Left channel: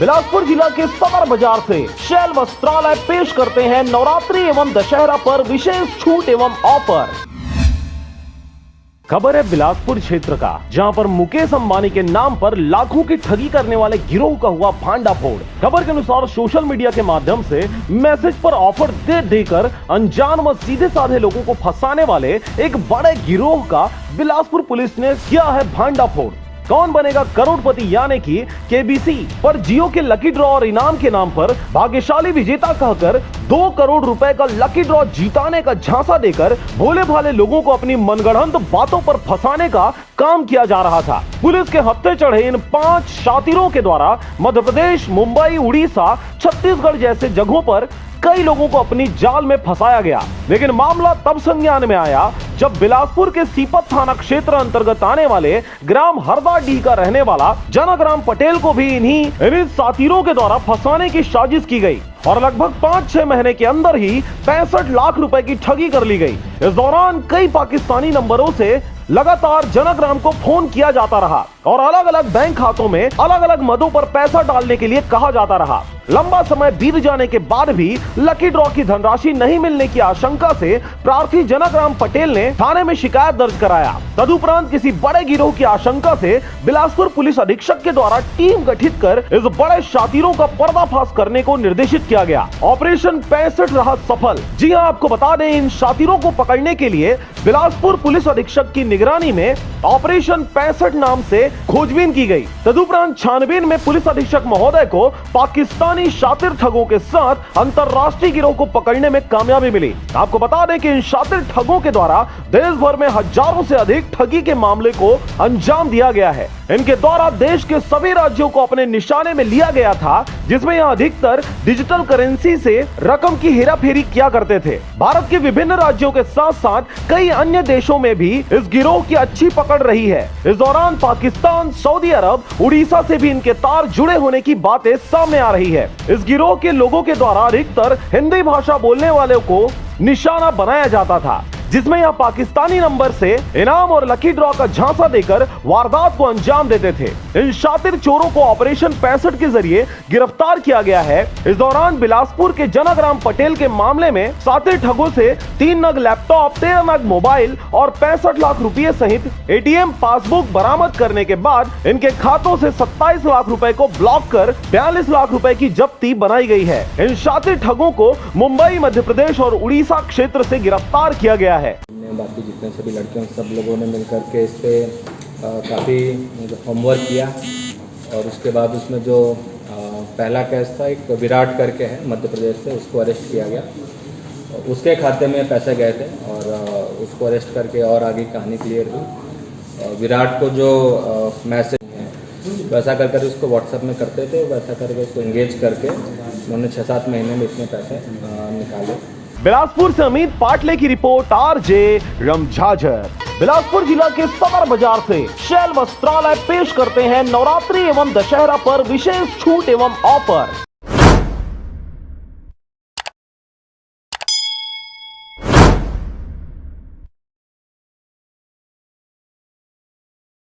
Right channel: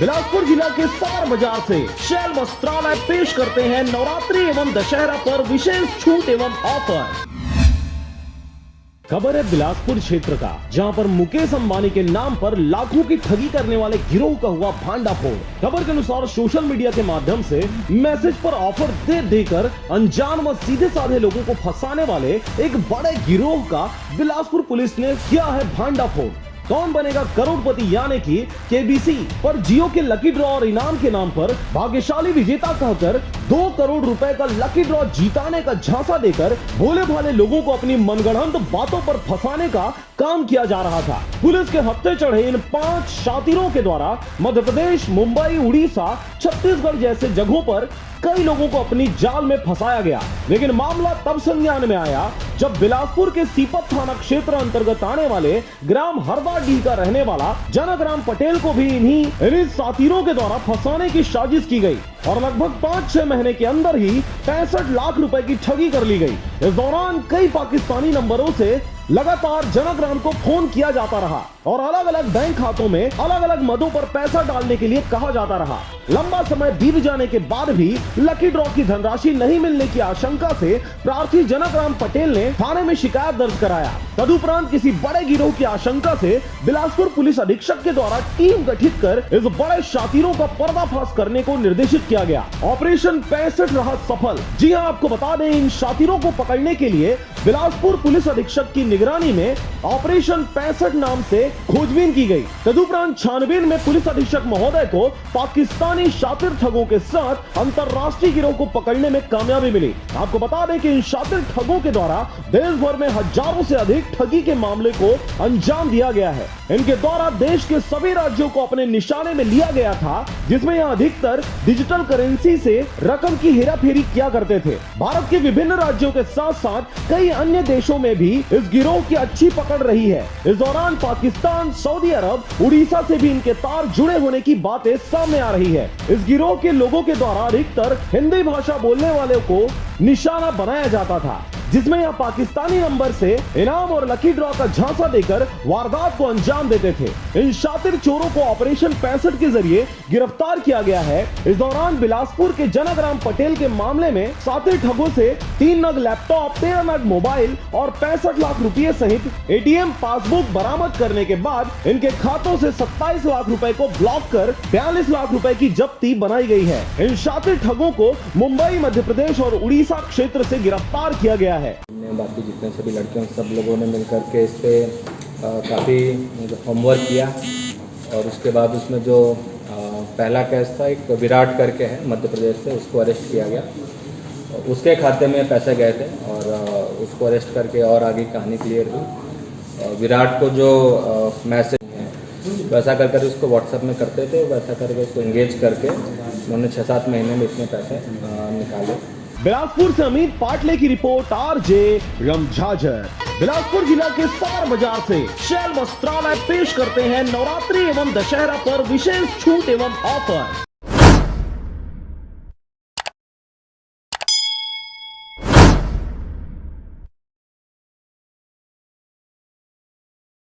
बिलासपुर जिला के समर बाजार से शैल वस्त्रालय पेश करते हैं नवरात्रि एवं दशहरा पर विशेष छूट एवं ऑफर। खबर है बिलासपुर क्षेत्र का, जहां पर मुकेश अंबानी के नाम पर लाखों की ठगी करने वाले गिरोह का हुआ भांडाफोड़। खबर के अनुसार सोशल मीडिया के माध्यम से मैसेज पर ऑफर दे देकर अनजान व सीधे साधे लोगों को फंसाने वाले एक बड़े गिरोह का बिलासपुर पुलिस ने किया है भांडाफोड़। कौन बनेगा करोड़पति यानी कि केबीसी पर जियो के लकी ड्रॉ और इनाम के नाम पर भाग्यशाली विजेता कहकर 2 करोड़ रुपए का लकी ड्रॉ जीताने का झांसा देकर भोले भाले लोगों को अपनी मनगढ़ंत बातों पर फंसाने का काम किया जा रहा था। पुलिस के हफ्ते चढ़े इन 5 शातिरों के द्वारा मध्य प्रदेश, मुंबई, उड़ीसा, छत्तीसगढ़ जैसे जगहों पर कई लोगों को अपनी जाल में फंसाया गया। लेकिन मामला तब संज्ञान में आया जब बिलासपुर के सीपत थाना क्षेत्र अंतर्गत आने वाले ग्राम हरदाडीह का रहने वाला जनकराम पटेल को भी इन्हीं साथीरों के द्वारा फंसाने की साजिश की गई और लगभग 5-6 महीने के अंदर ही 65 लाख रुपए की ठगी कर ली गई। इस दौरान कई पाकिस्तानी नंबरों से लगातार जनकराम को फोन किया जाता रहा और अलग अलग बैंक खातों में अलग अलग मदों पर पैसा डालने के लिए कहा जाता रहा। लंबा समय बीत जाने के बाद भी लकी ड्रॉ की धनराशि नहीं मिलने की आशंका से प्रार्थी जनकराम पटेल ने थाने में शिकायत दर्ज कराया। तदुपरांत किसी बड़े गिरोह की आशंका से बिलासपुर पुलिस अधीक्षक के द्वारा टीम गठित कर इस बड़े शातिरों का पर्दाफाश करने को निर्देशित किया गया। ऑपरेशन 65 रहा सफल। जी हां, आपको बता दें, इन शातिरों को पकड़ने के लिए बिलासपुर पुलिस अधीक्षक की निगरानी में ऑपरेशन 65 नाम से खोजबीन की गई। तदुपरांत छानबीन में पुलिस अधीक्षक महोदय को पाकिस्तानी शातिर ठगों के साथ अंतरराष्ट्रीय गिरोह को पकड़ने में कामयाबी मिली। आपको बता दें कि इन शातिर ठगों के द्वारा देश भर में हजारों से अधिक ठगी के मामले को अंजाम दिया गया है। इनके द्वारा देश के सभी राज्यों को अपने निशाने में लिया गया था, जिसमें यह अधिकतर डिजिटल करेंसी से रकम की हेराफेरी किया करते थे। भारत के विभिन्न राज्यों के साथ साथ कई अन्य देशों में भी इस गिरोह की अच्छी पकड़ रही है। इस दौरान पाकिस्तान, सऊदी अरब, उड़ीसा से भी इनके तार जुड़े होने की बातें सामने आ रही है। इस गिरोह के लोगों के द्वारा अधिकतर हिंदी भाषा बोलने वालों को निशाना बनाया जाता था, जिसमें यह पाकिस्तानी नंबर से इनाम और लकी ड्रॉ का झांसा देकर वारदात को अंजाम देते थे। इन शातिर चोरों को ऑपरेशन 65 के जरिए गिरफ्तार किया गया है। इस दौरान बिलासपुर के जनकराम पटेल के मामले में शातिर ठगों से 3 नग लैपटॉप, 13 नग मोबाइल और 65 लाख रुपए सहित एटीएम पासबुक बरामद करने के बाद इनके खातों से 27 लाख रुपए को ब्लॉक कर 42 लाख रुपए की जब्ती बनाई गई है। इन शातिर ठगों को मुंबई, मध्य प्रदेश और उड़ीसा क्षेत्र से गिरफ्तार किया गया है। बाकी जितने सभी लड़के सब लोगों ने मिलकर के इस पे काफ़ी होमवर्क किया और उसके बाद उसमें जो पहला केस था, एक विराट करके है मध्य प्रदेश से, उसको अरेस्ट किया गया। उसके खाते में पैसे गए थे और उसको अरेस्ट करके और आगे कहानी क्लियर हुई। विराट को जो मैसेज है वैसा कर उसको व्हाट्सएप में करते थे, वैसा करके उसको एंगेज करके उन्होंने 6-7 महीने में इतने पैसे निकाले। बिलासपुर से अमित पाटले की रिपोर्ट, आरजे रमझाझर। बिलासपुर जिला के समर बाजार से शैल वस्त्रालय पेश करते हैं नवरात्रि एवं दशहरा पर विशेष छूट एवं ऑफर।